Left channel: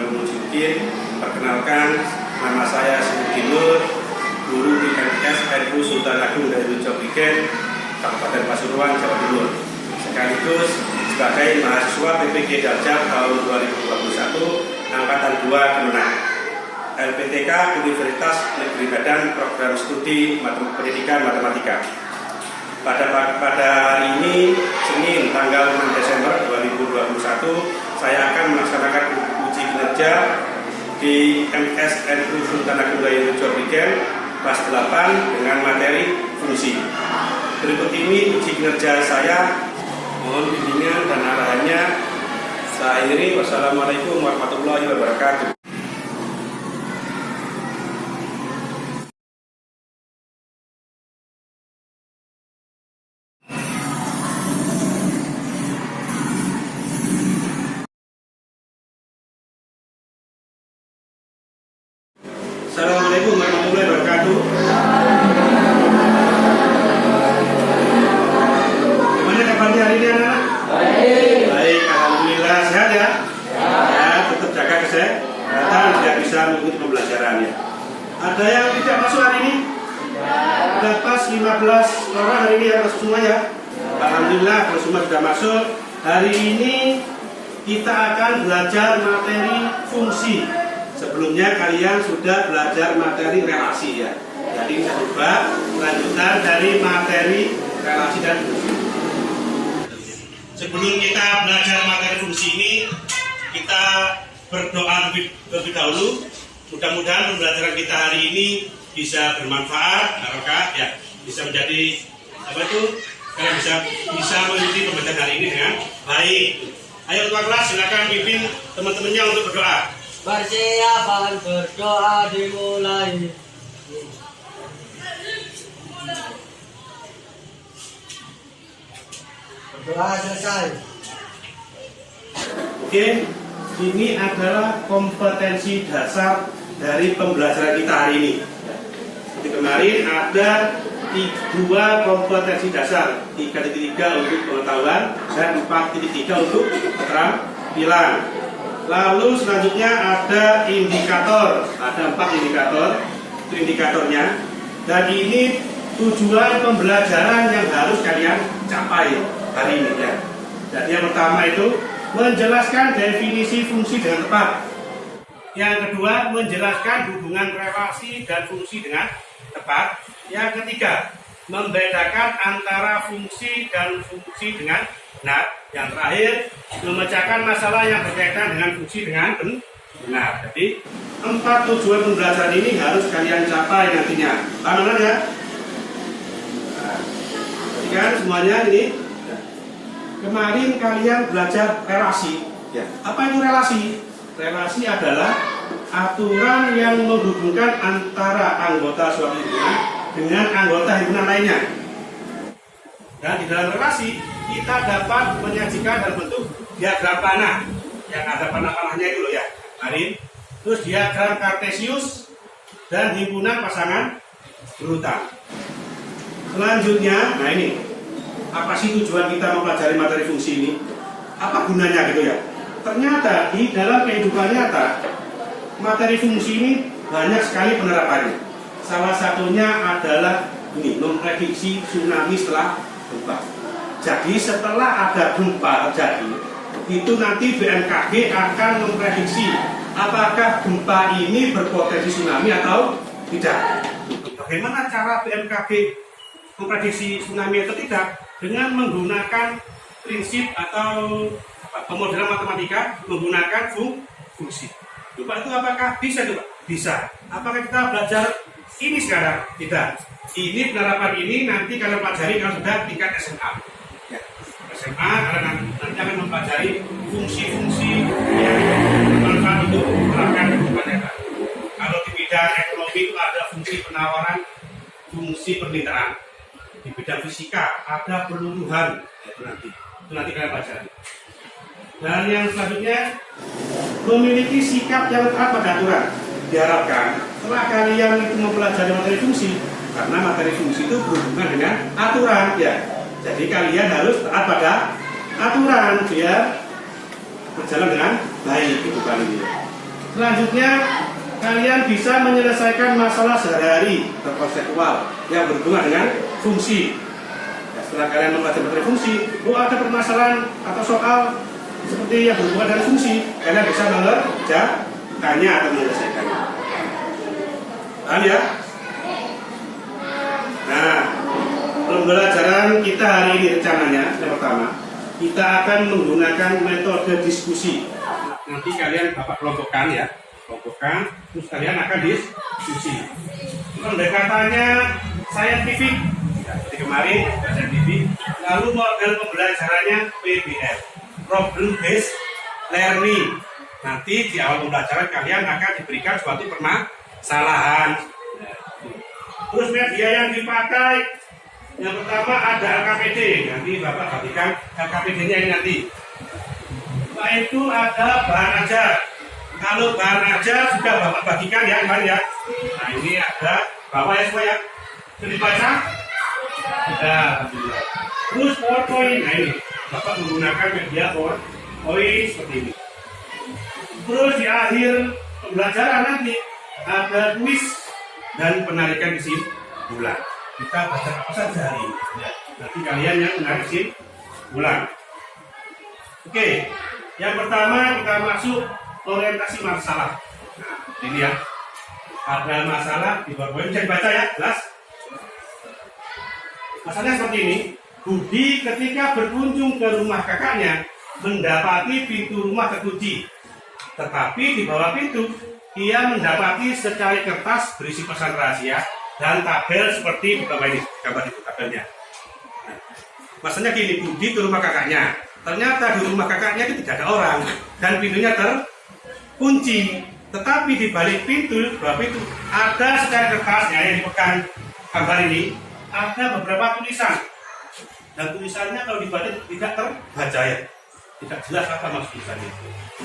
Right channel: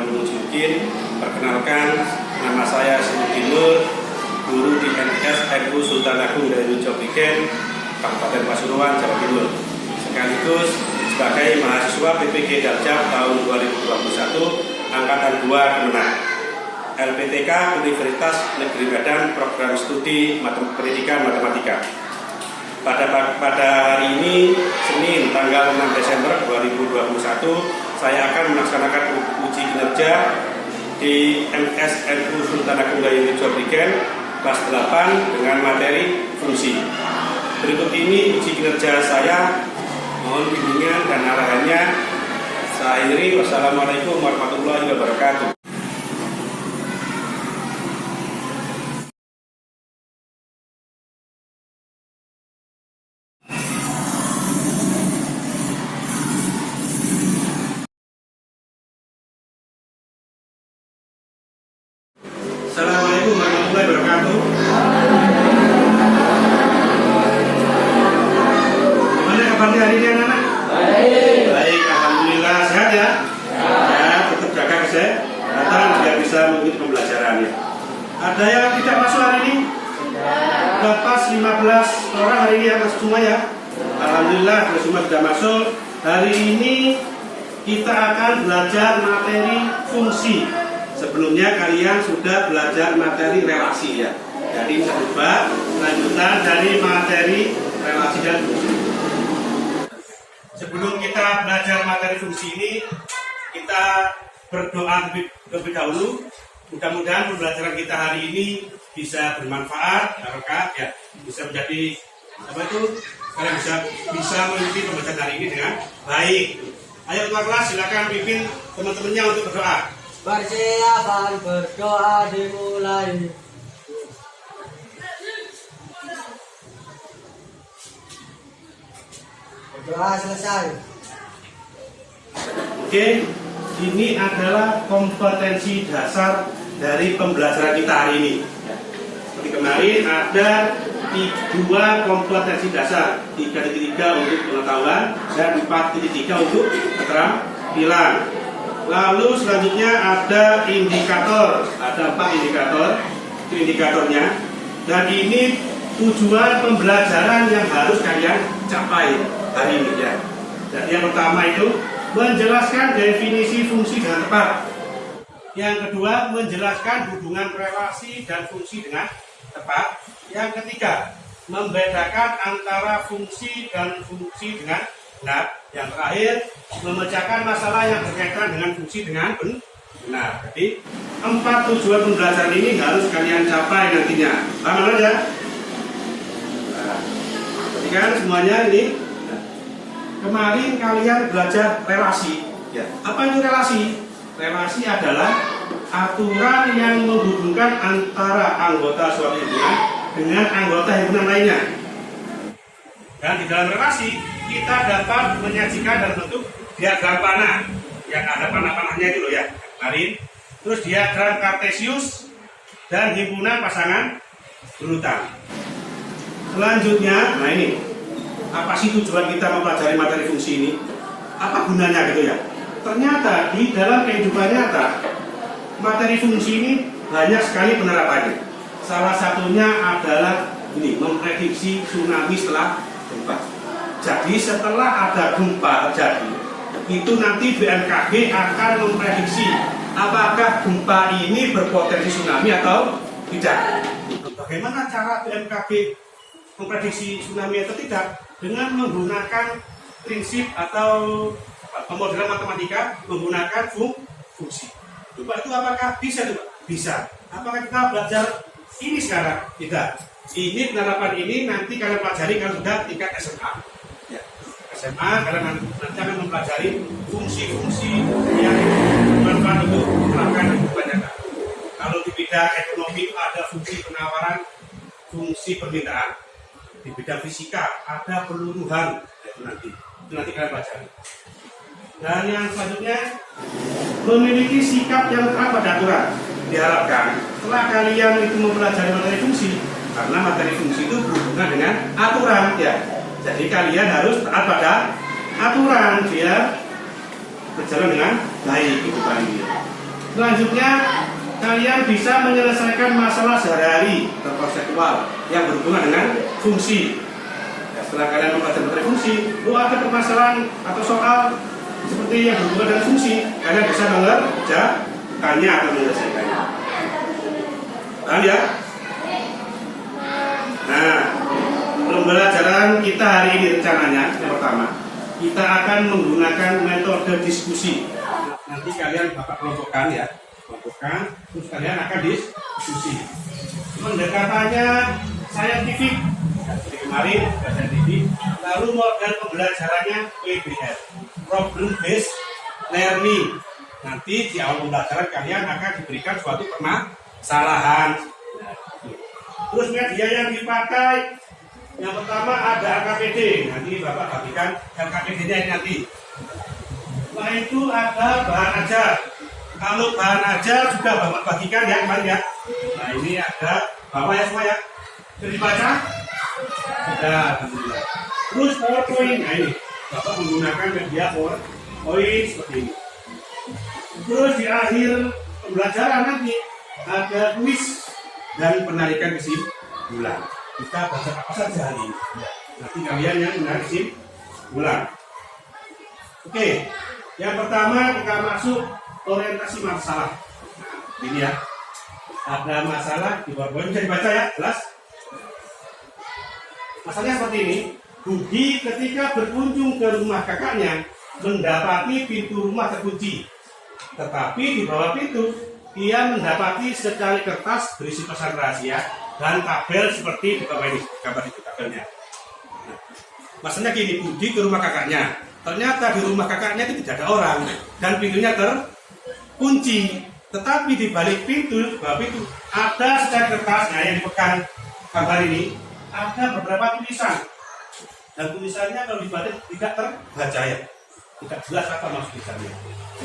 Tuan Guru Mujiuddin. Perkenalkan, nama saya Sinuddin Nur, guru di MTS NU Sultan Agung Daerah Jobrigen, Kabupaten Pasuruan, Jawa Timur. Sekaligus sebagai mahasiswa PPG Daljab tahun 2021, Angkatan 2 Kemenang. LPTK Universitas Negeri Medan, Program Studi Pendidikan Matematika. Pada hari ini, Senin tanggal 6 Desember 2021, saya akan melaksanakan uji kinerja di MTS NU Sultan Agung Daerah Jobrigen kelas 8 dengan materi fungsi. Berikut ini uji kinerja saya, mohon bimbingan dan arahannya. Saya akhiri, wassalamualaikum warahmatullahi wabarakatuh. Assalamualaikum warahmatullahi wabarakatuh. Gimana kabarnya hari ini anak-anak? Baik, alhamdulillah. Sehat ya? Ya, tetap jaga kesehatan biar bisa mengikuti pembelajarannya. Ada yang tidak masuk hari ini? Sudah pas 15 orang hari ini yang masuk semua ya? Alhamdulillah, kalau semua sudah masuk. Hari ini kita akan belajar materi fungsi. Sebelumnya kalian sudah belajar materi relasi ya. Jadi coba lanjutan dari materi relasi dan fungsi. Sebelum kita belajar materi fungsi ini, kita berdoa lebih dahulu. Mudah-mudahan pembelajaran kita hari ini bisa bermanfaat, barokah ya, bisa menjadi apa itu? Kalian bisa mengikuti pembelajaran hari ini dengan baik. Ayo ketua kelas silakan pimpin teman-temannya untuk berdoa. Persiapan berdoa dimulai. Berdoa selesai. Oke, ini adalah kompetensi dasar dari pembelajaran kita hari ini. Seperti kemarin ada 2 kompetensi dasar, 3.3 untuk pengetahuan dan 4.3 untuk keterampilan. Lalu selanjutnya ada indikator, ada 4 indikator, itu indikatornya. Dan ini tujuan pembelajaran yang harus kalian capai hari ini ya. Jadi yang pertama itu menjelaskan definisi fungsi dengan tepat. Yang kedua menjelaskan hubungan relasi dan fungsi dengan tepat. Yang ketiga membedakan antara fungsi dan fungsi dengan benar. Yang terakhir, memecahkan masalah yang berkaitan dengan fungsi dengan benar. Jadi 4 tujuan pembelajaran ini harus kalian capai nantinya. Paham ya? Perhatikan semuanya ini. Kemarin kalian belajar relasi. Ya. Apa itu relasi? Relasi adalah aturan yang menghubungkan antara anggota suatu himpunan dengan anggota himpunan lainnya. Dan di dalam relasi kita dapat menyajikan dalam bentuk diagram panah yang ada panah-panahnya itu loh ya kemarin. Terus diagram kartesius dan himpunan pasangan berutang. Selanjutnya, nah ini apa sih tujuan kita mempelajari materi fungsi ini? Apa gunanya gitu ya? Ternyata di dalam kehidupan nyata materi fungsi ini banyak sekali penerapannya. Salah satunya adalah ini, memprediksi tsunami setelah gempa. Jadi setelah ada gempa terjadi, itu nanti BMKG akan memprediksi apakah gempa ini berpotensi tsunami atau tidak. Bagaimana cara BMKG memprediksi tsunami atau tidak? Dengan menggunakan prinsip atau pemodelan matematika menggunakan fungsi. Coba itu apakah bisa coba? Bisa. Apakah kita belajar ini sekarang? Tidak. Ini penerapan ini nanti kalian pelajari kalau sudah tingkat SMA. Ya. SMA kalian nanti akan mempelajari fungsi-fungsi yang bermanfaat untuk menerapkan kehidupan nyata. Kalau di bidang ekonomi itu ada fungsi penawaran, fungsi permintaan. Di bidang fisika ada peluruhan, itu nanti kalian pelajari. Dan yang selanjutnya memiliki sikap yang taat pada aturan. Diharapkan setelah kalian itu mempelajari materi fungsi, karena materi fungsi itu berhubungan dengan aturan ya. Jadi kalian harus taat pada aturan biar berjalan dengan baik kehidupan ini. Selanjutnya, kalian bisa menyelesaikan masalah sehari-hari atau konseptual yang berhubungan dengan fungsi. Ya, setelah kalian membaca materi fungsi, ada permasalahan atau soal seperti yang berhubungan dengan fungsi, kalian bisa mengerjakannya atau menyelesaikannya. Paham ya? Nah, pembelajaran kita hari ini rencananya yang pertama, kita akan menggunakan metode diskusi. Nanti kalian bapak kelompokkan ya, terus kalian akan diskusi. Pendekatannya saintifik, seperti kemarin saintifik. Lalu model pembelajarannya PBL, problem based learning. Nanti di awal pembelajaran kalian akan diberikan suatu permasalahan. Terus media yang dipakai, yang pertama ada LKPD. Nanti bapak bagikan LKPD-nya ini nanti. Setelah itu ada bahan ajar. Kalau bahan ajar sudah bapak bagikan ya kemarin ya. Nah ini ada bapak ya semua ya. Sudah dibaca? Sudah, alhamdulillah. Terus PowerPoint. Nah ini bapak menggunakan media PowerPoint seperti ini. Terus di akhir pembelajaran nanti ada kuis dan penarikan kesimpulan. Kita baca apa saja hari ini. Nanti kalian yang menarik kesimpulan. Oke, yang pertama kita masuk orientasi masalah. Nah, ini ya. Ada masalah di bawah bisa dibaca ya, jelas. Masalahnya seperti ini. Budi ketika berkunjung ke rumah kakaknya mendapati pintu rumah terkunci. Tetapi di bawah pintu ia mendapati secari kertas berisi pesan rahasia dan tabel seperti gambar itu tabelnya. Nah, maksudnya gini, Budi ke rumah kakaknya. Ternyata di rumah kakaknya itu tidak ada orang dan pintunya terkunci. Tetapi di balik pintu, bawah pintu ada secari kertasnya yang dipegang gambar ini. Ada beberapa tulisan dan tulisannya kalau dibalik tidak terbaca ya, tidak jelas apa maksud tulisannya.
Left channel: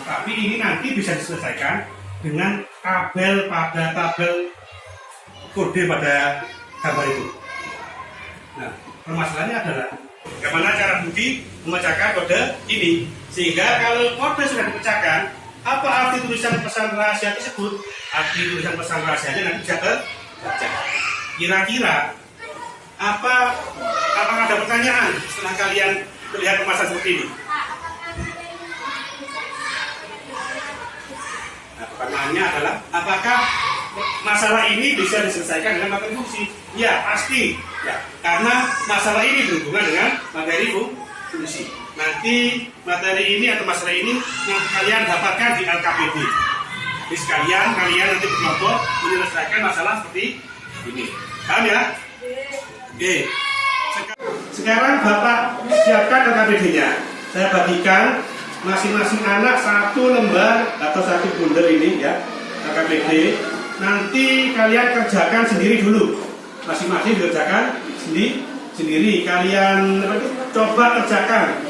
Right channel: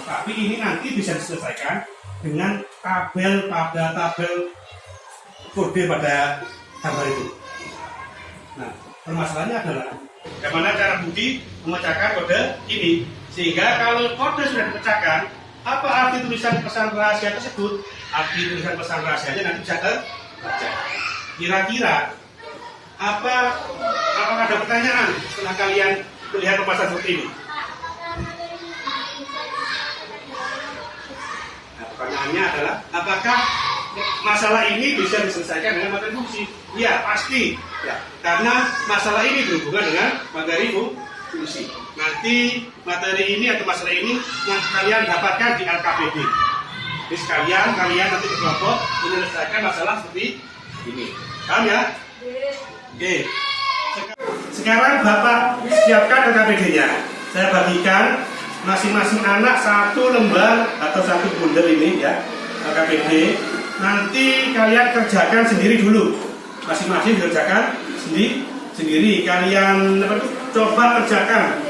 Tapi ini nanti bisa diselesaikan dengan tabel kode pada gambar itu. Nah, permasalahannya adalah bagaimana cara Budi memecahkan kode ini, sehingga kalau kode sudah dipecahkan, apa arti tulisan pesan rahasia tersebut? Arti tulisan pesan rahasianya nanti bisa terbaca. Kira-kira apakah ada pertanyaan setelah kalian melihat permasalahan seperti ini? Nah, pertanyaannya adalah apakah masalah ini bisa diselesaikan dengan materi fungsi? Ya, pasti. Ya, karena masalah ini berhubungan dengan materi fungsi. Nanti materi ini atau masalah ini nanti kalian dapatkan di LKPD. Jadi sekalian kalian nanti berkelompok menyelesaikan masalah seperti ini. Paham ya? Oke. Sekarang Bapak siapkan LKPD-nya. Saya bagikan masing-masing anak satu lembar atau satu bundel ini ya, LKPD. Nanti kalian kerjakan sendiri dulu. Masing-masing kerjakan sendiri. Kalian coba kerjakan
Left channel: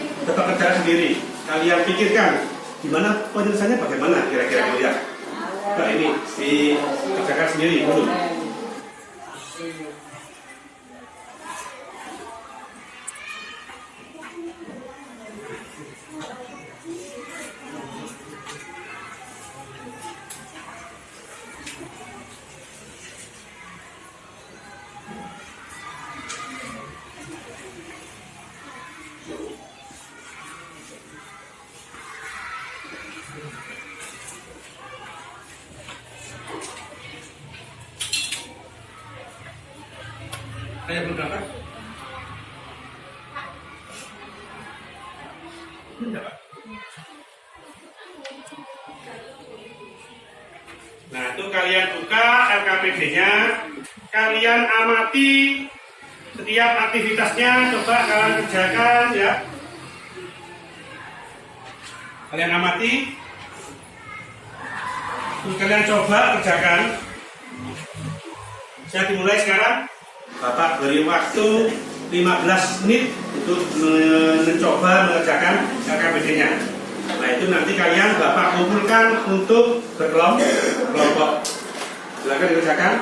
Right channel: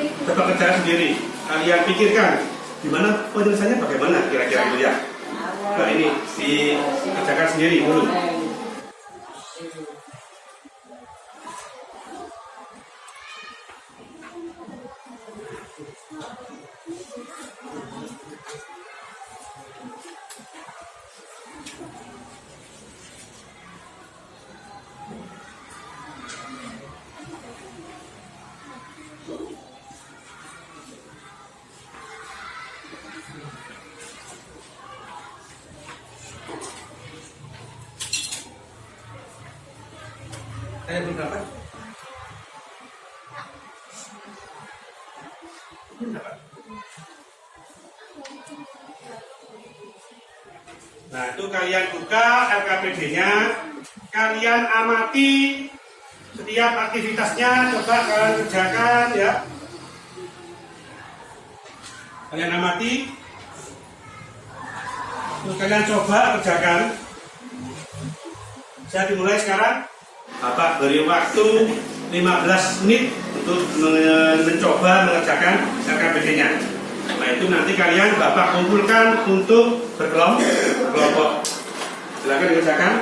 sendiri. Kalian pikirkan gimana penyelesaiannya, bagaimana kira-kira gitu ya. Nah, ini dikerjakan sendiri dulu. Saya belum dapat. Nah, itu kalian buka LKPD-nya, kalian amati setiap aktivitasnya, coba kalian kerjakan ya. Kalian amati, terus kalian coba kerjakan. Saya dimulai sekarang. Bapak beri waktu 15 menit untuk mencoba mengerjakan LKPD-nya. Nah, itu nanti kalian Bapak kumpulkan untuk berkelompok. Silakan dikerjakan.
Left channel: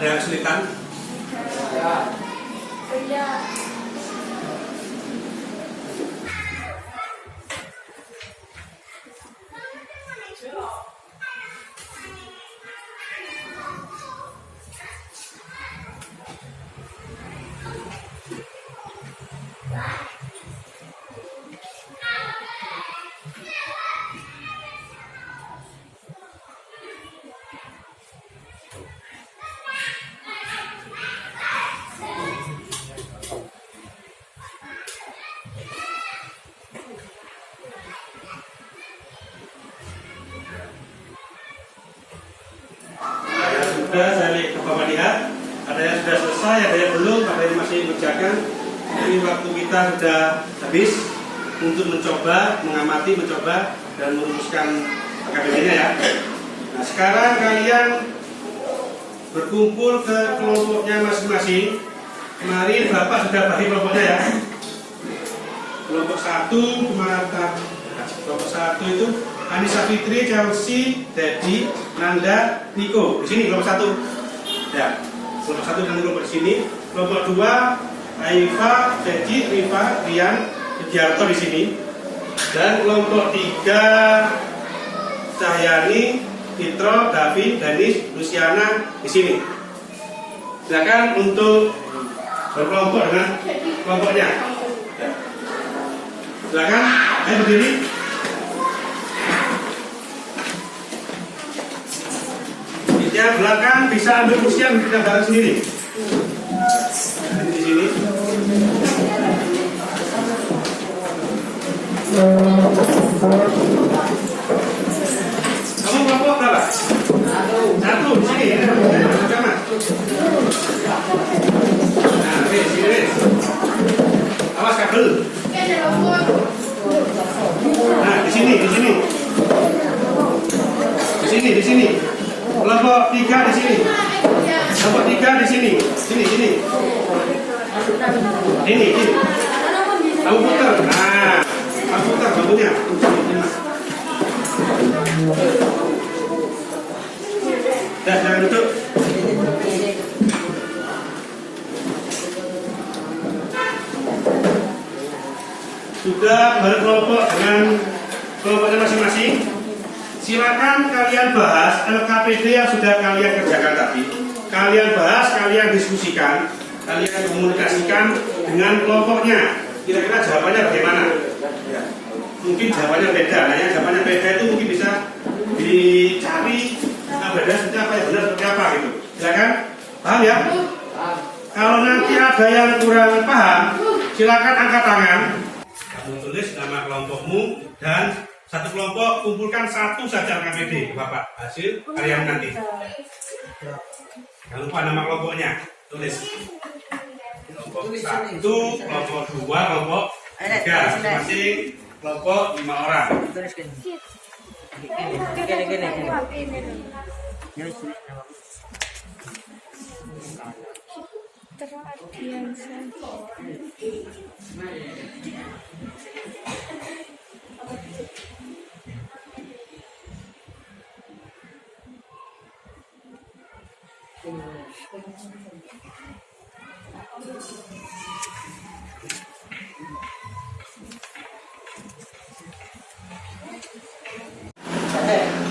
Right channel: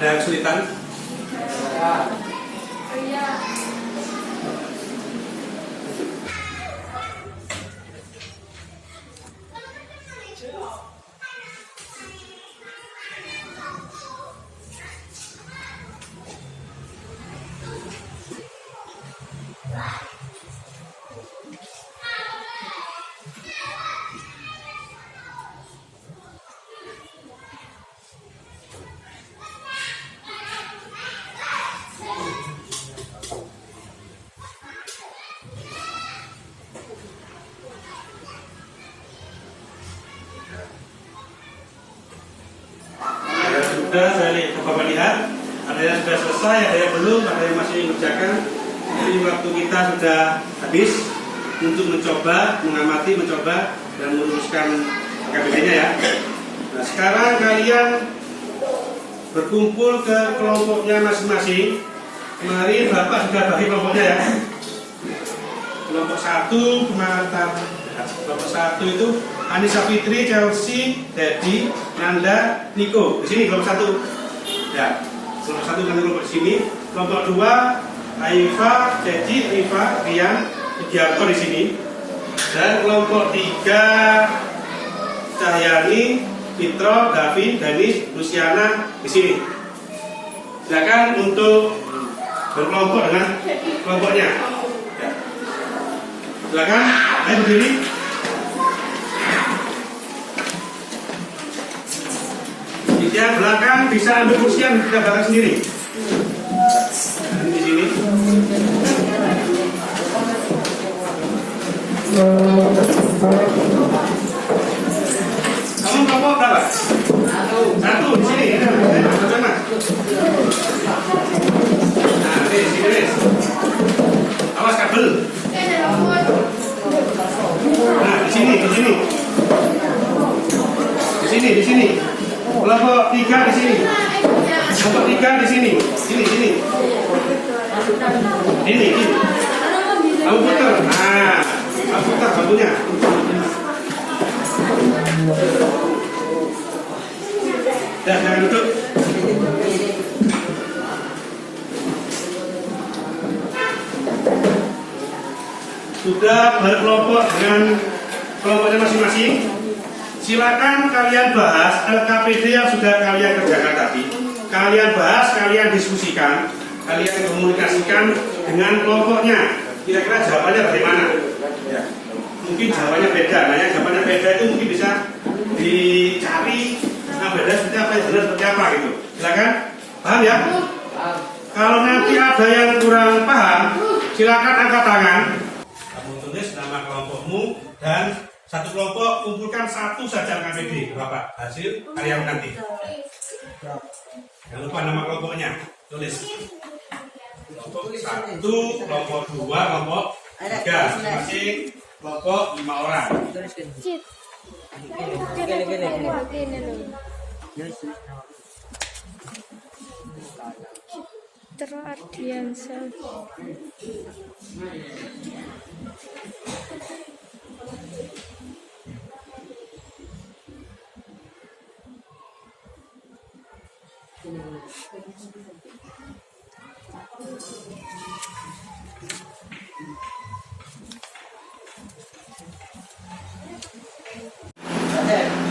Ada kesulitan? Sudah saya Bapak lihat, ada yang sudah selesai, ada yang belum, ada yang masih mengerjakan. Jadi waktu kita sudah habis untuk mencoba, mengamati, mencoba dan merumuskan KBB-nya ya. Nah sekarang kalian berkumpul ke kelompoknya masing-masing. Mari Bapak sudah bagi kelompoknya ya. Kelompok 1 kemana? Kelompok 1 itu Anissa Fitri, Chelsea, Dedi, Nanda, Niko. Di sini kelompok 1. Ya, kelompok 1 dan kelompok di sini. Kelompok 2 Aifa, Ceci, Rifa, Rian, Widiarto di sini. Dan kelompok 3 Cahyani, Fitro, David, Danis, Luciana di sini. Silakan untuk berkelompok dengan kelompoknya. Silakan, ayo berdiri. Yang belakang bisa ambil kursi yang tidak belakang sendiri. Nah, ini di sini. Kamu kelompok berapa? 1 di sini. Sama. Nah, di sini. Awas kabel. Nah, di sini, di sini. Di sini, di sini. Kelompok 3 di sini. Kelompok 3 di sini. Sini, sini. Ini. Kamu putar. Nah, kamu putar bambunya. Ya, jangan duduk. Sudah berkelompok dengan kelompoknya masing-masing. Silakan kalian bahas LKPD yang sudah kalian kerjakan tadi. Kalian bahas, kalian diskusikan, kalian komunikasikan dengan kelompoknya. Kira-kira jawabannya bagaimana? Ya. Mungkin jawabannya beda. Nah, yang jawabannya beda itu mungkin bisa dicari yang beda seperti apa, yang benar seperti apa gitu. Silakan, paham ya? Kalau nanti ada yang kurang paham, silakan angkat tangan. Kamu tulis nama kelompokmu dan satu kelompok kumpulkan 1 saja KBD Bapak hasil karya nanti. Jangan lupa nama kelompoknya tulis. Kelompok 1, kelompok 2, kelompok 3 masing-masing kelompok 5 orang. Teradiansa.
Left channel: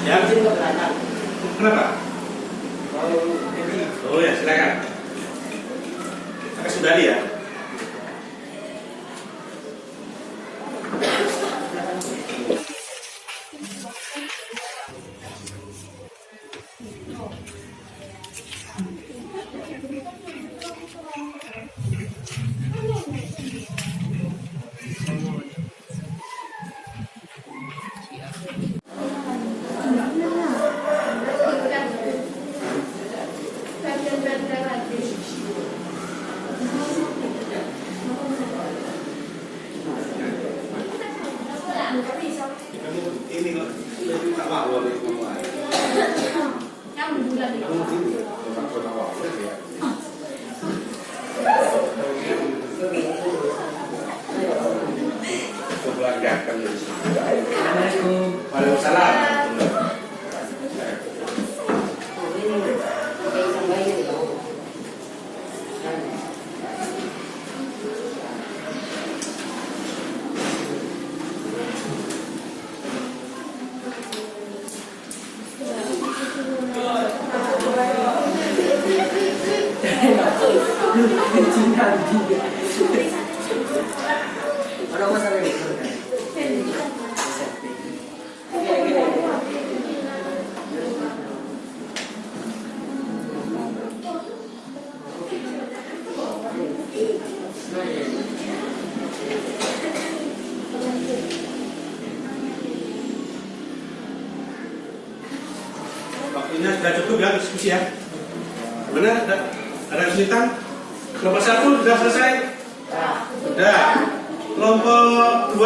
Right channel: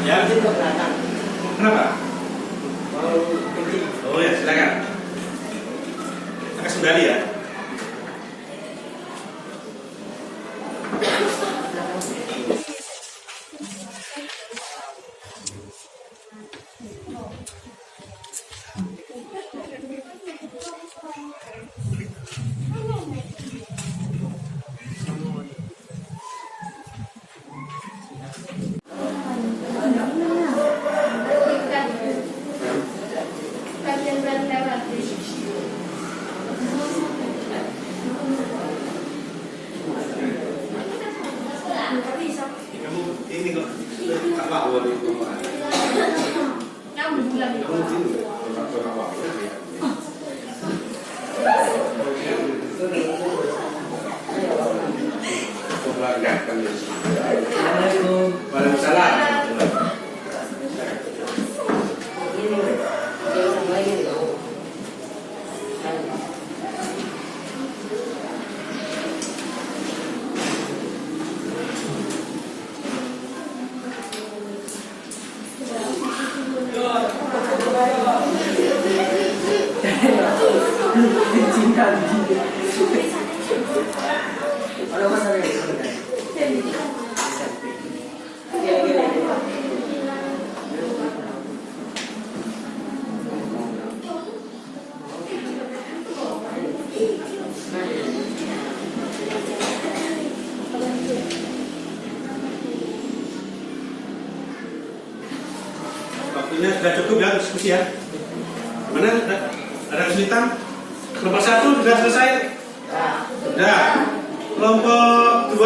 Ya, kenapa? Oh ya, silakan. Pakai sundari ya. Kamu ini kok tak mau Waalaikumsalam. Waktunya sudah cukup ya diskusi ya. Mana ada kesulitan? Kelompok 1 sudah selesai? Sudah. Kelompok 2?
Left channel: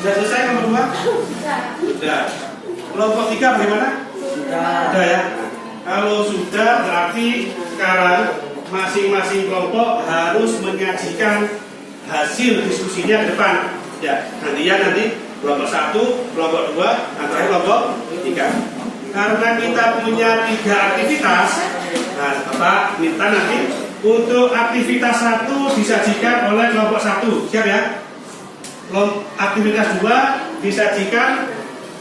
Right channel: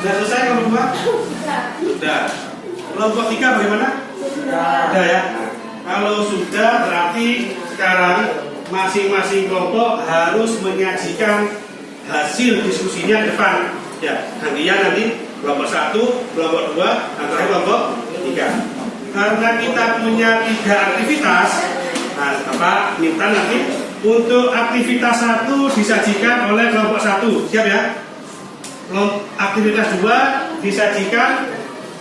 Sudah selesai kelompok 2? Sudah. Kelompok 3 bagaimana? Sudah ya. Kalau sudah berarti sekarang masing-masing kelompok harus menyajikan hasil diskusinya ke depan. Ya, gantian nanti kelompok 1, kelompok 2, antara kelompok 3. Karena kita punya 3 aktivitas, nah, Bapak minta nanti untuk aktivitas 1 disajikan oleh kelompok 1. Siap ya? Aktivitas 2 disajikan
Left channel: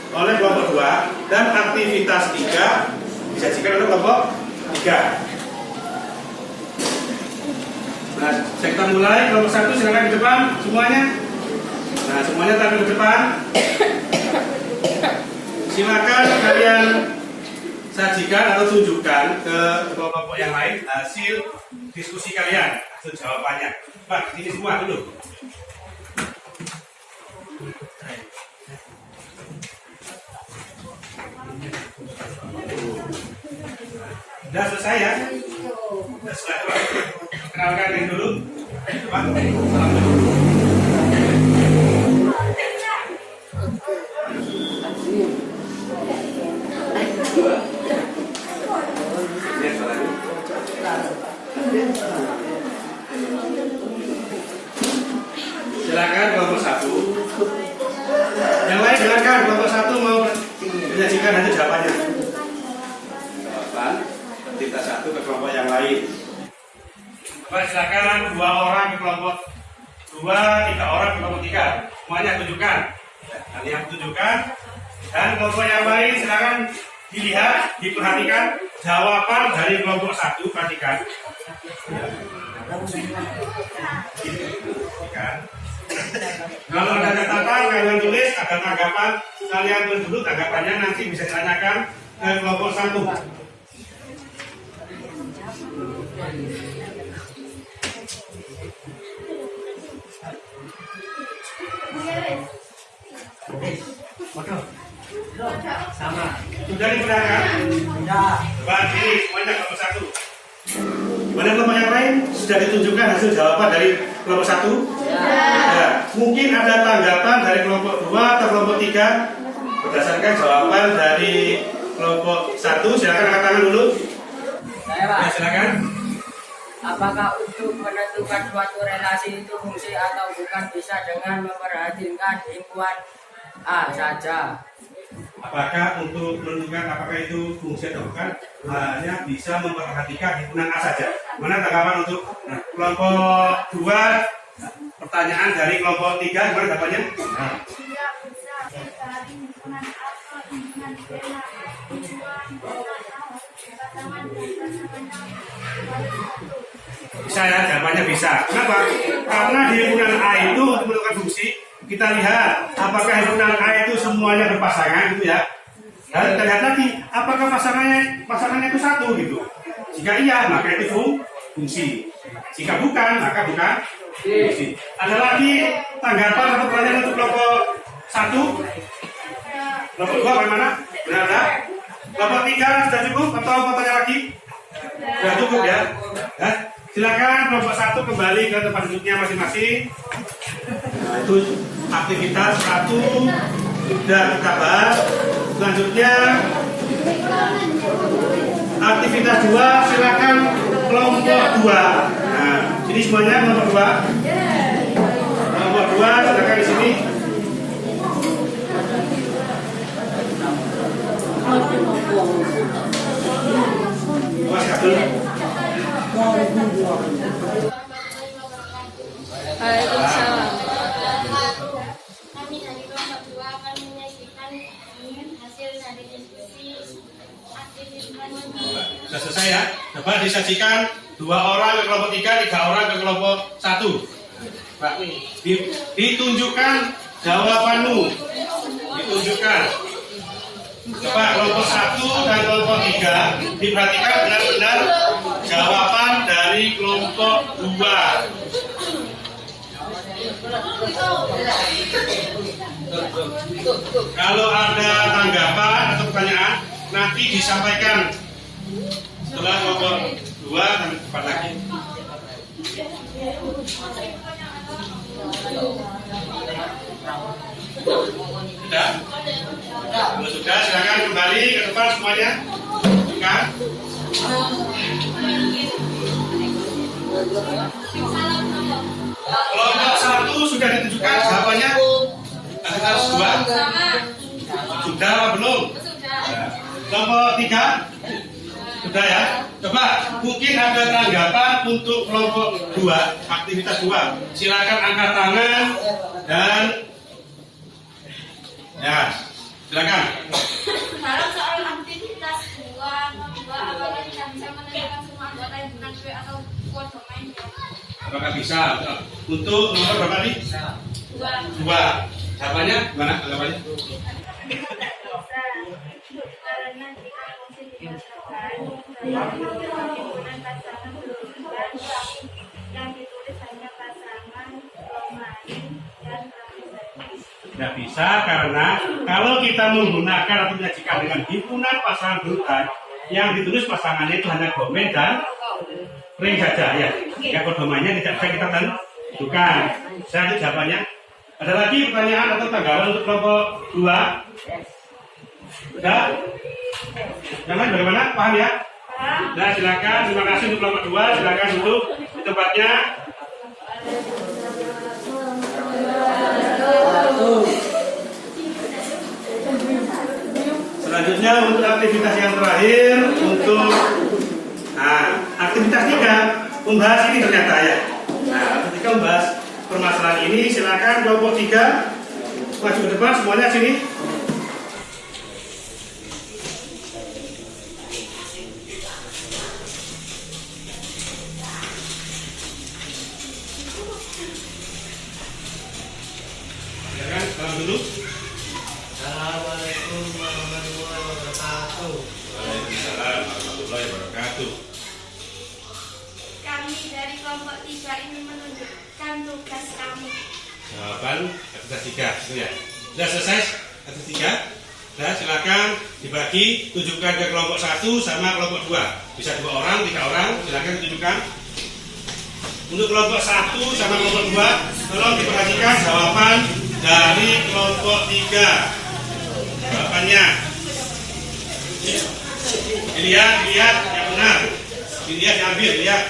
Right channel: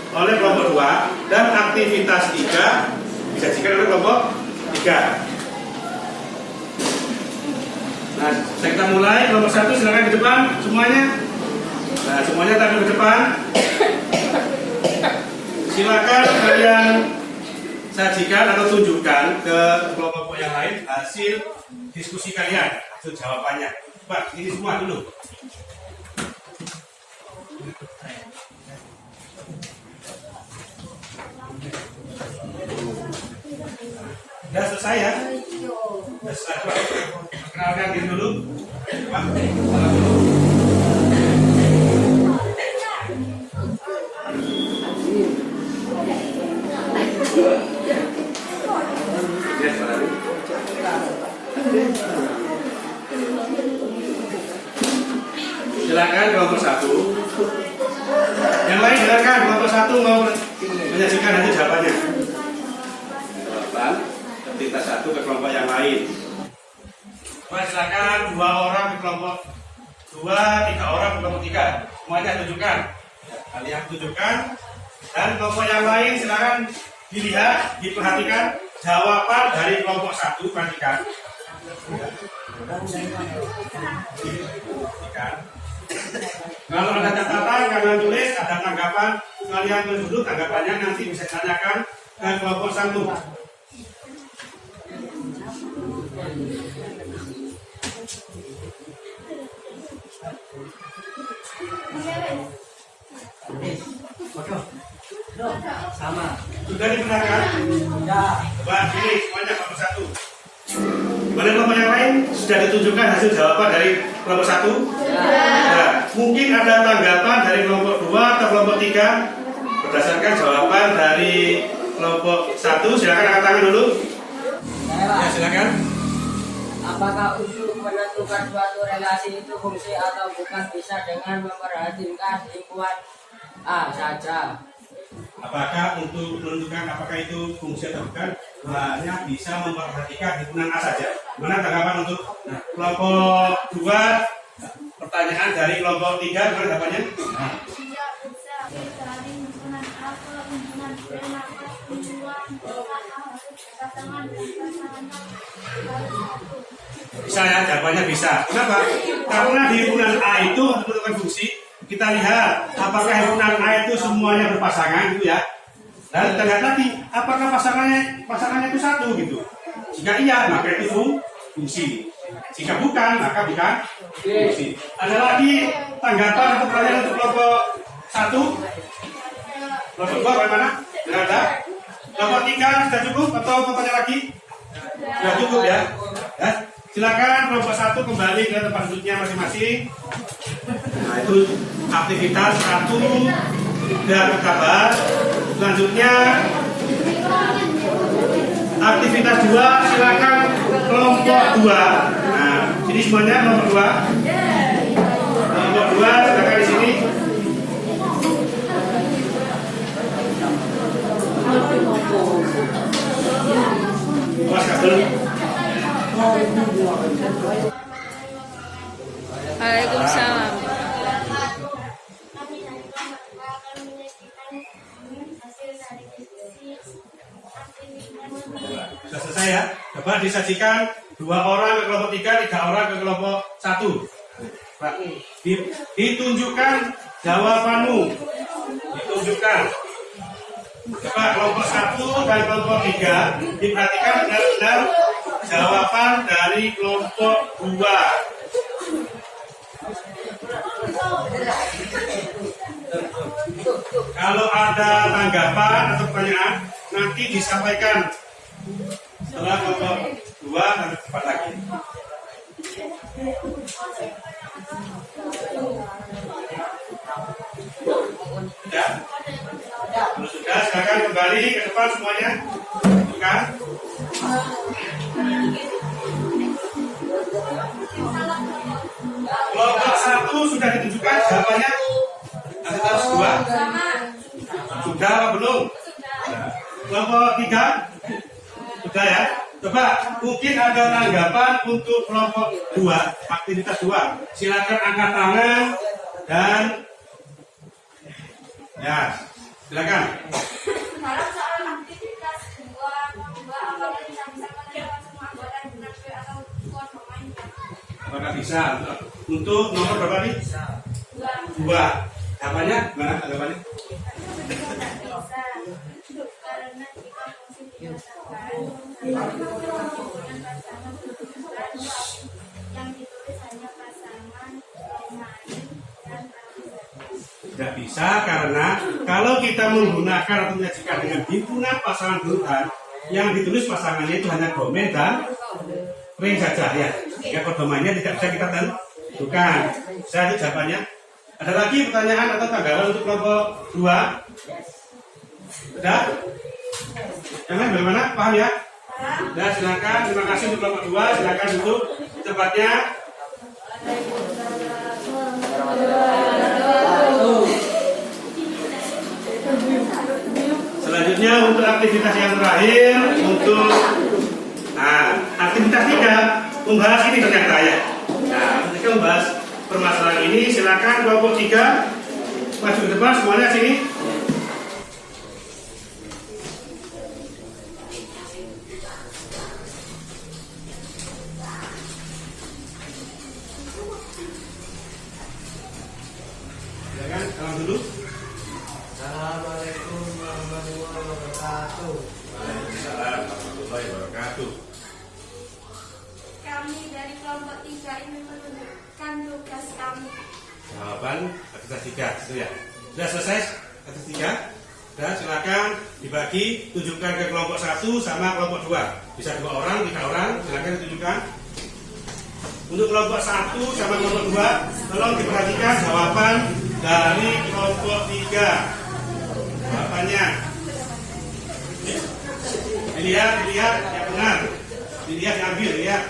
oleh kelompok 2 dan aktivitas 3 disajikan oleh kelompok 3. Nah, kita mulai kelompok 1 silakan di depan semuanya. Nah, semuanya tampil ke depan. Silakan kalian sajikan atau tunjukkan ke kelompok yang lain hasil diskusi kalian, hasil jawabannya. Pak, ini semua dulu. Sudah selesai ya? Sudah selesai. Kenalkan diri dulu. Pak, salam dulu. Silakan kelompok 1. Yang lain silakan kelompok 1 mau menyajikan hasil jawabannya. Jawaban aktivitas 1 ke kelompok yang lain. Baik, silakan 2 orang ke kelompok 2, 3 orang ke kelompok 3. Semuanya tunjukkan. Kalian tunjukkan. Dan kelompok yang lain silakan dilihat, diperhatikan jawaban dari kelompok 1. Perhatikan. Kalau ada catatan, kalian tulis, ada tanggapan, kalian tulis dulu tanggapannya, nanti bisa ditanyakan ke kelompok 1. Sama. Sudah dibenarkan? Sudah. Coba ini semuanya kelompok 1. Gimana kelompok yang lain? Sudah ditunjukkan hasil jawaban dari kelompok 1? Ya. Mungkin ada tanggapan dari kelompok 2 atau kelompok 3 berdasarkan jawaban dari kelompok 1. Silakan angkat tangan dulu. Saya Pak. Ya, silakan. Apakah untuk menentukan suatu relasi itu fungsi atau bukan bisa dengan memperhatikan lingkungan A saja? Apakah untuk menentukan apakah itu fungsi atau bukan hanya bisa memperhatikan himpunan A saja? Mana tanggapan untuk kelompok 2? Pertanyaan dari kelompok 3 gimana tanggapannya? Nah. Tidak bisa dari himpunan A ke himpunan B maka himpunan A pasangan dan pasangannya harus satu. Bisa ya, jawabannya bisa. Kenapa? Karena di himpunan A itu untuk menentukan fungsi, kita lihat apakah himpunan A itu semuanya berpasangan gitu ya. Dan kita lihat lagi apakah pasangannya itu satu gitu. Jika iya maka itu fungsi. Jika bukan maka bukan fungsi. Ada lagi tanggapan atau pertanyaan untuk kelompok 1? Kelompok 2 bagaimana? Tidak ada. Kelompok 3 sudah cukup atau mau tanya lagi? Sudah cukup ya. Silakan kelompok 1 kembali ke tempat duduknya masing-masing. Nah, itu aktivitas 1 sudah kita bahas. Selanjutnya aktivitas 2 silakan kelompok 2. Nah, jadi semuanya kelompok 2. Kelompok 2 silakan di sini. Mas kabel. Waalaikumsalam. Kami dari kelompok 2 akan menyajikan hasil dari diskusi aktivitas. Sudah selesai ya. Coba disajikan 2 orang ke kelompok 3, 3 orang ke kelompok 1. Pak, ditunjukkan jawabanmu. Ditunjukkan. Coba kelompok 1 dan kelompok 3 diperhatikan benar-benar jawaban dari kelompok 2. Kalau ada tanggapan atau pertanyaan nanti disampaikan setelah kelompok 2 dan 4 lagi. Sudah? Kalau sudah, silakan kembali ke depan semuanya. Bukan? Kelompok 1 sudah ditunjukkan jawabannya. Ada kelas 2? Sudah apa belum? Kelompok 3? Sudah ya? Coba mungkin ada tanggapan untuk kelompok 2, aktivitas 2. Silakan angkat tangan dan ya, silakan. Dalam soal aktivitas 2, apakah kita bisa menentukan semua anggota himpunan P atau kuat pemainnya? Apakah bisa? Untuk nomor berapa nih? 2. Jawabannya mana? Tanggapannya? Tidak bisa, karena jika fungsi dirasakan dalam himpunan pasangan berurutan, yang ditulis hanya pasangan romawi dan aktivitas. Tidak bisa karena kalau kita menggunakan atau menyajikan dengan himpunan pasangan berurutan, yang ditulis pasangannya itu hanya domain dan ring saja ya. Ya, domainnya tidak bisa kita tentukan. Saya jawabannya. Ada lagi pertanyaan atau tanggapan untuk kelompok 2? Sudah? Yang lain bagaimana? Paham ya? Nah, silakan. Terima kasih untuk kelompok 2. Silakan duduk di tempatnya. Selanjutnya untuk aktivitas yang terakhir untuk aktivitas 3 membahas ini ternyata ya. Nah, ketika membahas permasalahan ini, silakan kelompok 3 maju ke depan semuanya sini. Silakan, salam dulu. Assalamualaikum warahmatullahi wabarakatuh. Waalaikumsalam warahmatullahi wabarakatuh. Kami dari kelompok 3 ini menunjukkan tugas kami. Jawaban aktivitas 3 itu ya. Sudah selesai aktivitas 3. Sudah, silakan dibagi, tunjukkan ke kelompok 1 sama kelompok 2. Bisa 2 orang, 3 orang, silakan tunjukkan. Untuk kelompok 1 sama kelompok 2, tolong diperhatikan jawaban dari kelompok 3. Jawabannya dilihat yang benar, dilihat, diambil, lihat.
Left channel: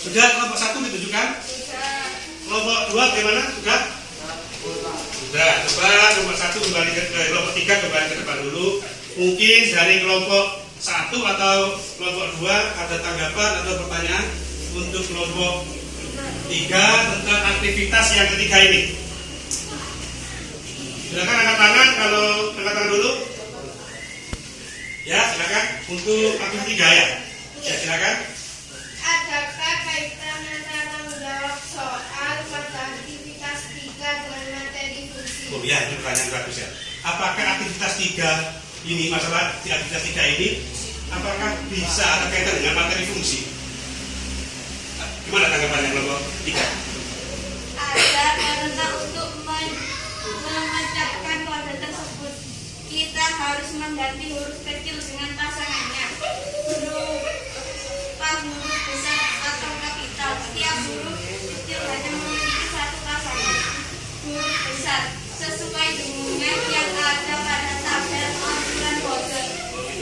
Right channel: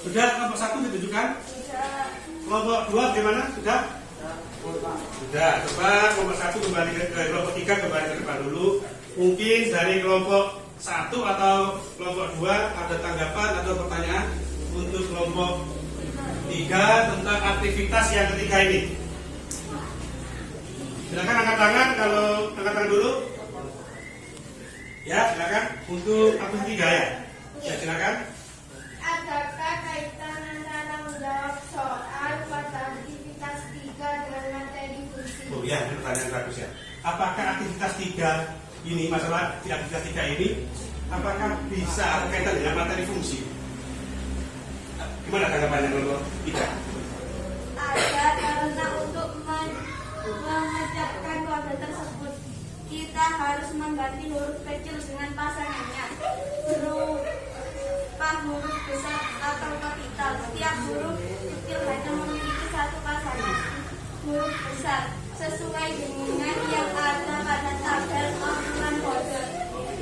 Sudah kelompok 1 ditunjukkan? Kelompok 2 bagaimana? Sudah? Sudah. Coba kelompok 1 kembali ke kelompok 3 kembali ke depan dulu. Mungkin dari kelompok 1 atau kelompok 2 ada tanggapan atau pertanyaan untuk kelompok 3 tentang aktivitas yang ketiga ini. Silakan angkat tangan kalau angkat tangan dulu. Ya, silakan untuk aktivitas 3 ya. Ya, silakan. Adakah kaitan antara menjawab soal pada aktivitas 3 dengan materi fungsi? Oh ya, ini pertanyaan bagus ya. Apakah aktivitas 3 ini, masalah di aktivitas 3 ini, apakah bisa ada kaitan dengan materi fungsi? Gimana tanggapannya kelompok 3? Ada, karena untuk memecahkan kode tersebut kita harus mengganti huruf kecil dengan pasangannya, huruf besar atau kapital. Setiap huruf kecil hanya memiliki satu pasangan huruf besar sesuai dengan yang ada pada tabel aturan kode.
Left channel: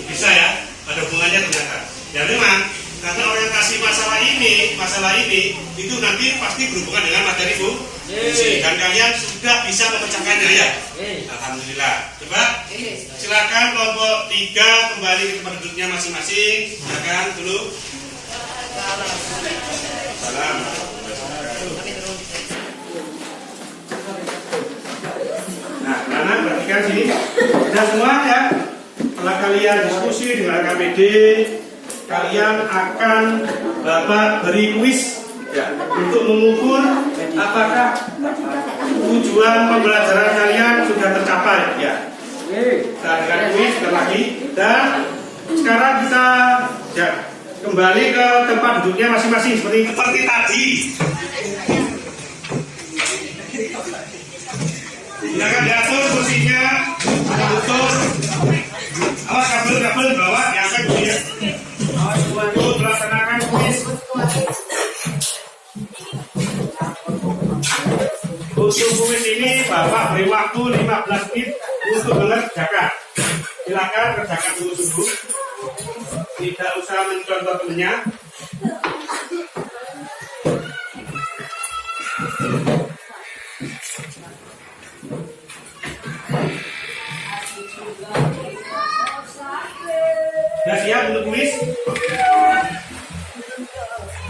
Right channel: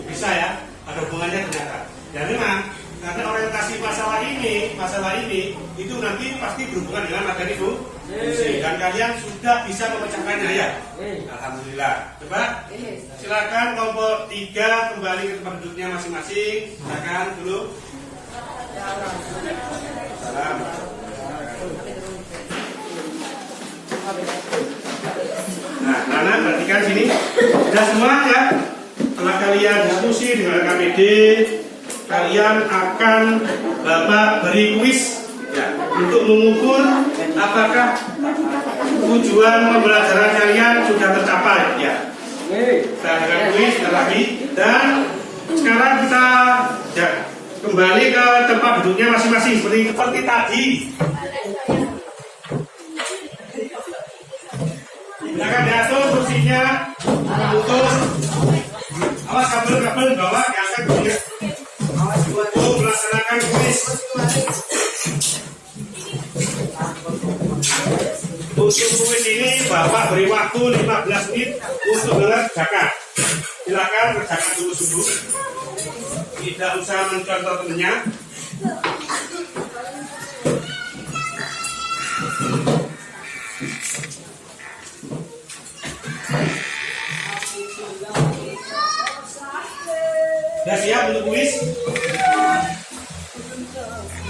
Bisa ya, ada hubungannya ternyata. Ya memang, karena orientasi masalah ini itu nanti pasti berhubungan dengan materi fungsi. Dan kalian sudah bisa memecahkannya ya? Alhamdulillah. Coba silakan kelompok 3 kembali ke tempat duduknya masing-masing. Silakan dulu. Salam. Nah, Nana perhatikan sini. Sudah semua ya. Setelah kalian diskusi dengan KPD, kalian akan Bapak beri kuis ya, untuk mengukur apakah tujuan pembelajaran kalian sudah tercapai ya. Kita dengan kuis lagi dan sekarang kita ya, kembali ke tempat duduknya masing-masing seperti tadi. Silakan diatur kursinya, putus. Awas kabel bawah diangkat dulu ya. Untuk melaksanakan kuis. Untuk kuis ini Bapak beri waktu 15 menit untuk mengerjakan. Silakan kerjakan dulu. Tidak usah mencontoh temannya. Sudah siap untuk kuis?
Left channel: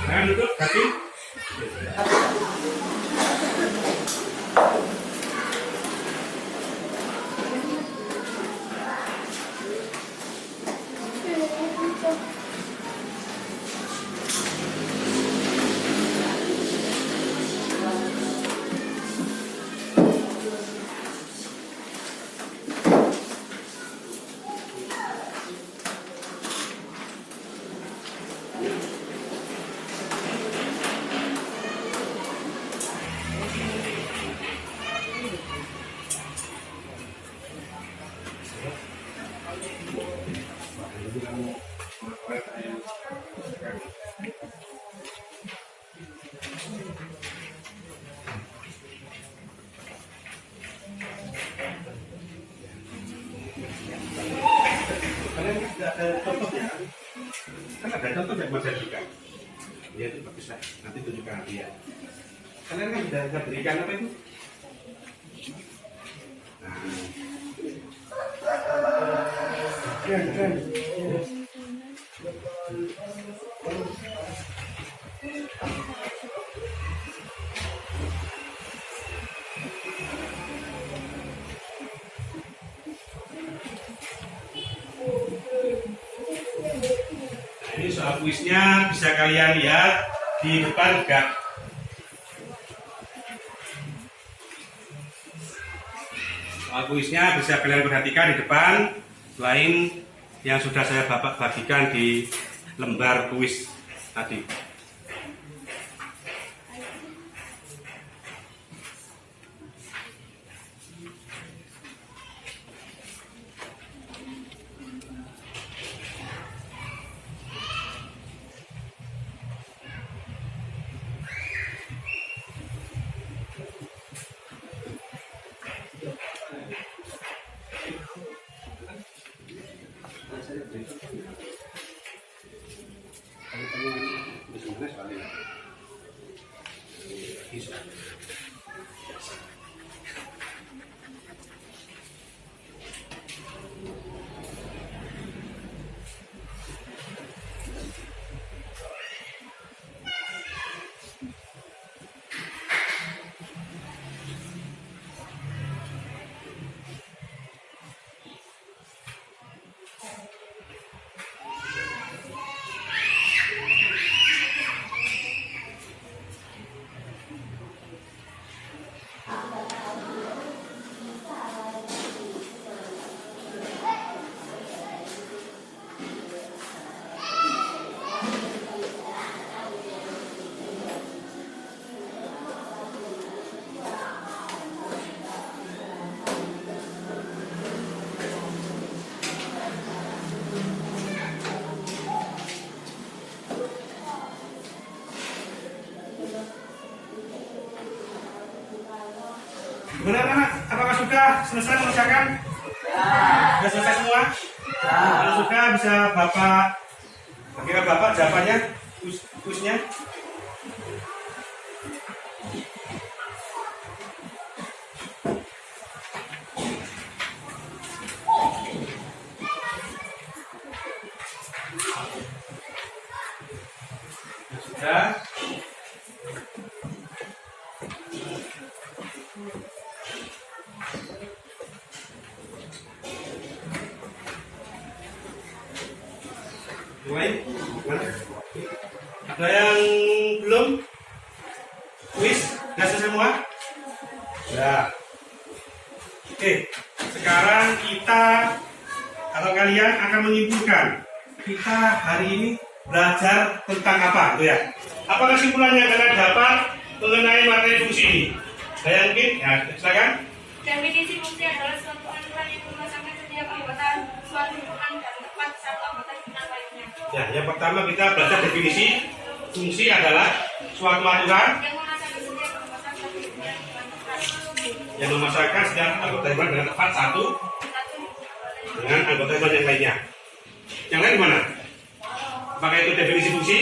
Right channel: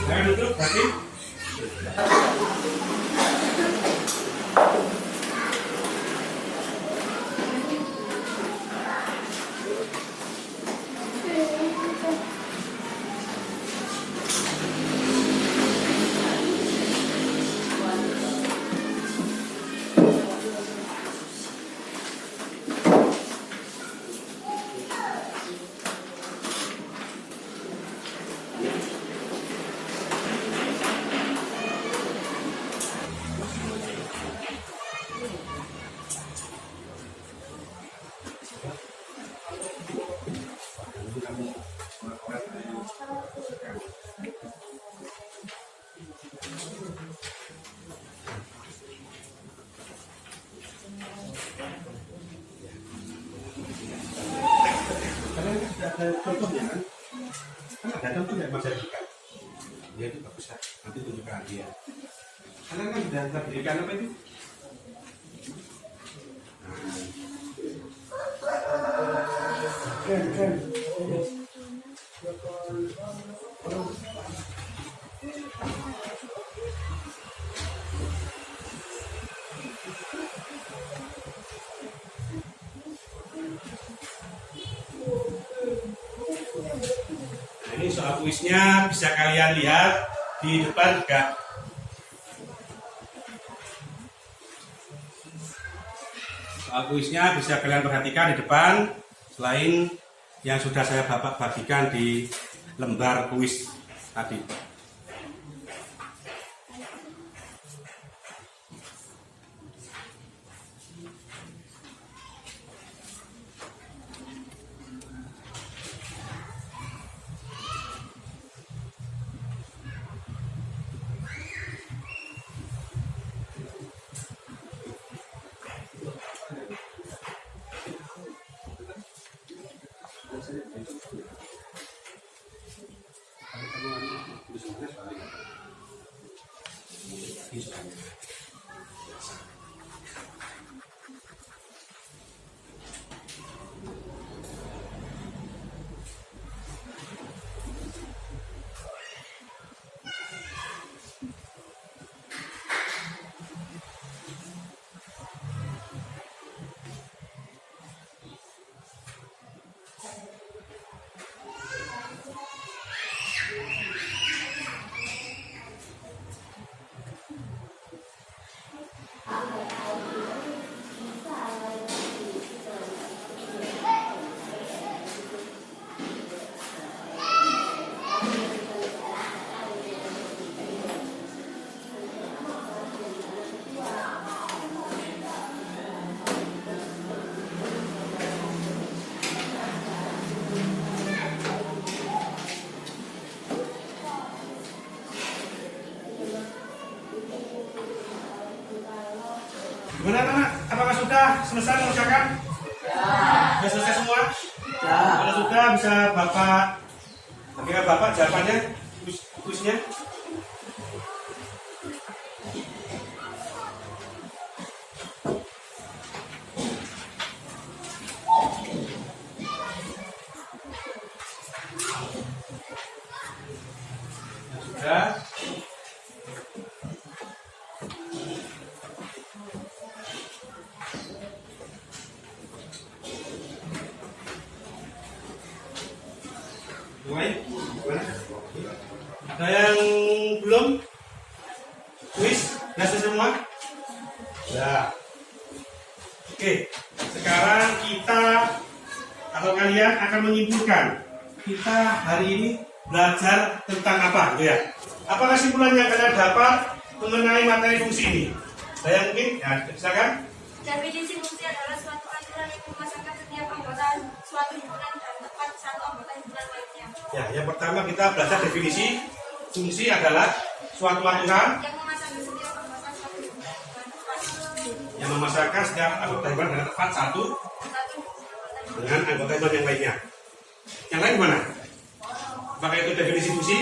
Jangan duduk, kaki. Ada contohnya kan ada contoh yang Mas berikan ya, itu bagus lah, nanti tunjukkan dia. Kalian kan sudah berikan apa itu? Ini soal kuisnya bisa kalian lihat di depan juga. Soal kuisnya bisa kalian perhatikan di depan, selain yang sudah saya bagikan di lembar kuis tadi. Gimana anak? Apakah sudah selesai mengerjakan? Sudah selesai semua? Kalau sudah bisa Bapak berikan Bapak jawabannya, kuisnya. Ya. Mulai? Mana? Ada yang belum? Kuis? Sudah selesai semua? Ya. Oke, sekarang kita atau kalian akan menyimpulkan kita hari ini belajar tentang apa, gitu ya? Apa kesimpulannya yang kalian dapat mengenai materi fungsi ini? Saya mungkin, ya silakan. Definisi fungsi adalah suatu aturan yang memasangkan setiap anggota suatu himpunan dan tepat satu anggota himpunan lainnya. Ya, yang pertama kita belajar definisi fungsi adalah suatu aturan Yang memasangkan setiap anggota himpunan yang memasangkan setiap anggota himpunan dengan dengan tepat satu satu himpunan. dengan anggota himpunan yang lainnya. Yang lain gimana? Apakah itu definisi fungsi?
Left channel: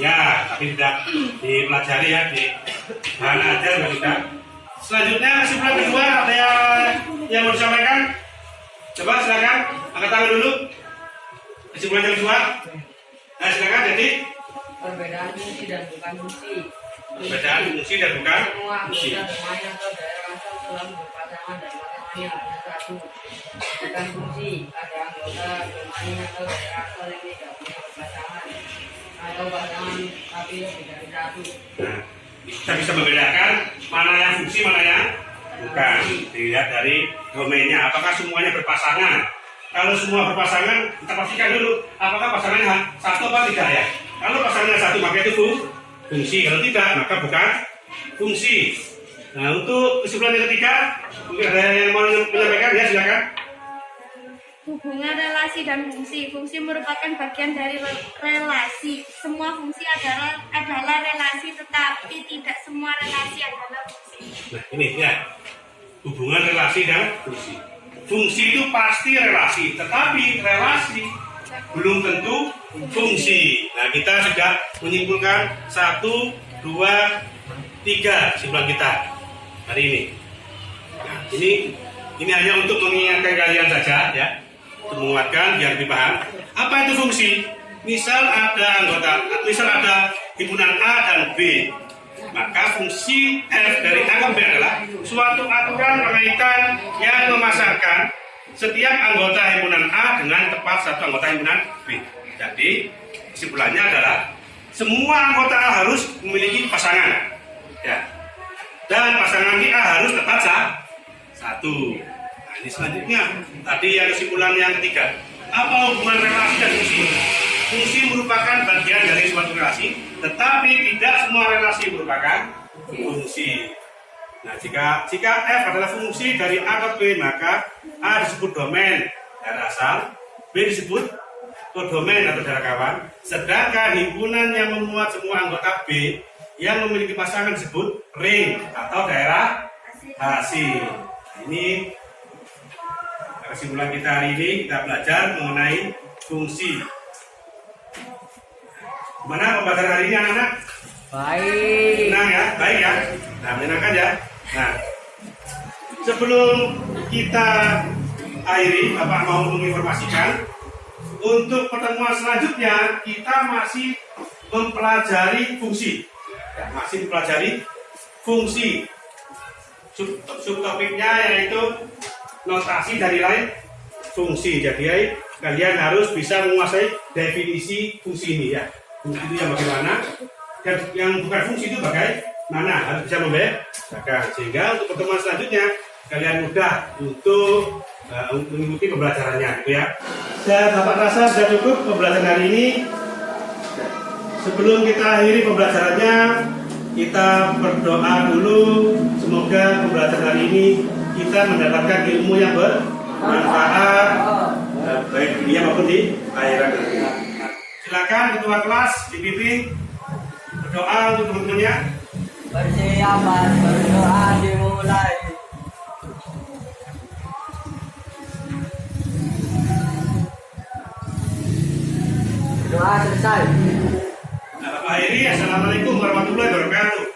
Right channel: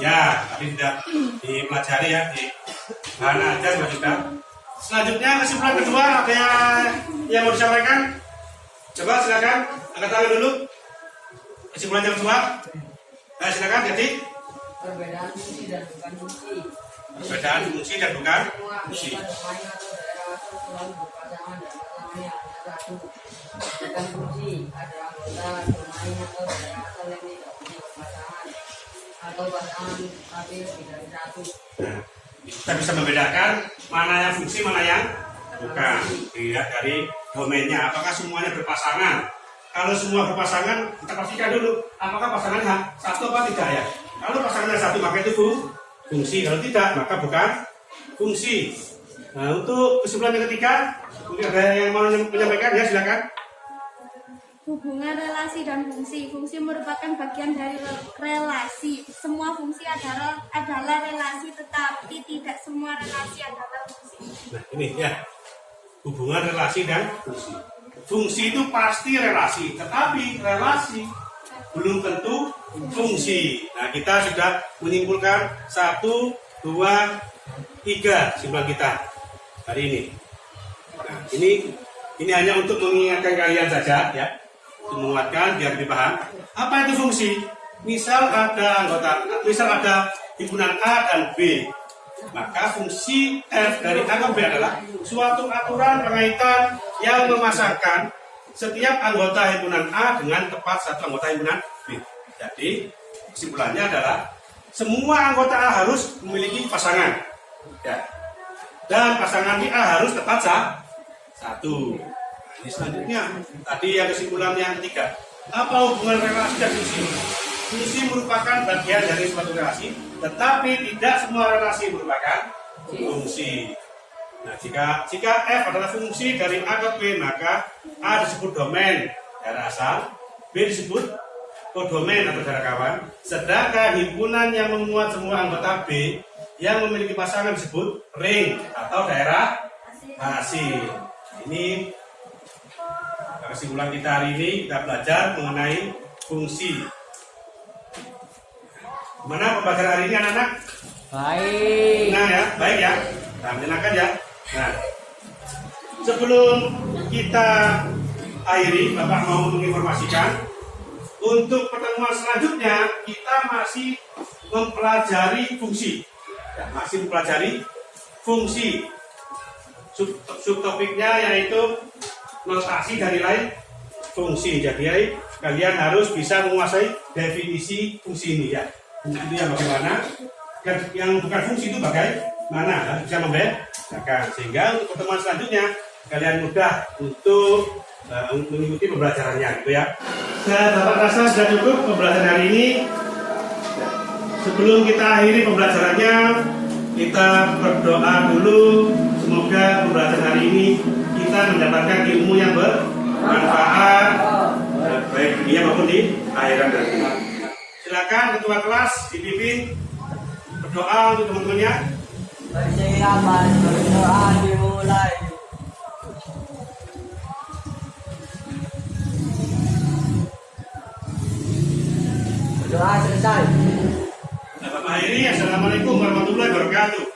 Ya, tapi tidak dipelajari ya di bahan ajar juga. Selanjutnya kesimpulan kedua ada yang mau disampaikan? Coba silakan, angkat tangan dulu. Kesimpulan yang kedua. Nah, silakan. Jadi Perbedaan fungsi dan bukan fungsi. perbedaan fungsi dan bukan Semua fungsi. anggota domain atau daerah asal selalu berpasangan dan matematikanya hanya satu. Bukan fungsi, ada anggota domain atau daerah asal yang tidak punya pasangan atau pasangan tapi lebih dari satu. Nah, kita bisa membedakan mana yang fungsi, mana yang bukan. Dilihat dari domainnya, apakah semuanya berpasangan. Kalau semua berpasangan, kita pastikan dulu apakah pasangannya satu apa tidak ya. Kalau pasangannya satu, maka itu fungsi. Kalau tidak, maka bukan fungsi. Nah, untuk kesimpulan yang ketiga, mungkin ada yang mau menyampaikan, ya silakan. Hubungan relasi dan fungsi. Fungsi merupakan bagian dari relasi. Semua fungsi adalah relasi, tetapi tidak semua relasi adalah fungsi. Nah, ini ya, hubungan relasi dan fungsi. Fungsi itu pasti relasi, tetapi relasi belum tentu fungsi. Nah, kita sudah menyimpulkan 1, 2, 3 kesimpulan kita hari ini. Nah, ini hanya untuk mengingatkan kalian saja ya, untuk menguatkan biar lebih paham. Apa itu fungsi? Misal ada himpunan A dan B, maka fungsi F dari A ke B adalah suatu aturan pengaitan yang memasangkan setiap anggota himpunan A dengan tepat satu anggota himpunan B. Jadi kesimpulannya adalah semua anggota A harus memiliki pasangan, ya, dan pasangan A harus tepat satu. Nah, ini selanjutnya tadi yang kesimpulan yang ketiga. Apa hubungan relasi dan fungsi? Fungsi merupakan bagian dari suatu relasi, tetapi tidak semua relasi merupakan fungsi. Nah, jika F adalah fungsi dari A ke B, maka A disebut domain daerah asal, B disebut kodomain atau daerah kawan, sedangkan himpunan yang memuat semua anggota B yang memiliki pasangan disebut ring atau daerah hasil. Ini kesimpulan kita hari ini, kita belajar mengenai fungsi. Gimana pembelajaran hari ini anak-anak? Baik. Senang ya? Baik ya? Nah, menyenangkan ya? Nah, sebelum kita akhiri, Bapak mau menginformasikan untuk pertemuan selanjutnya kita masih mempelajari fungsi. Ya, masih mempelajari fungsi. Subtopiknya yaitu notasi dan nilai fungsi. Jadi kalian harus bisa menguasai definisi fungsi ini ya. Fungsi itu yang bagaimana, dan yang bukan fungsi itu bagaimana, harus bisa membedakan. Sehingga untuk pertemuan selanjutnya kalian mudah untuk mengikuti pembelajarannya, gitu ya. Dan Bapak rasa sudah cukup pembelajaran hari ini. Sebelum kita akhiri pembelajarannya, kita berdoa dulu. Semoga pembelajaran hari ini kita mendapatkan ilmu yang bermanfaat baik dunia maupun di akhirat nanti. Silakan ketua kelas dipimpin berdoa untuk teman-temannya. Persiapan berdoa dimulai. Doa selesai. Nah, Bapak akhiri. Assalamualaikum warahmatullahi wabarakatuh.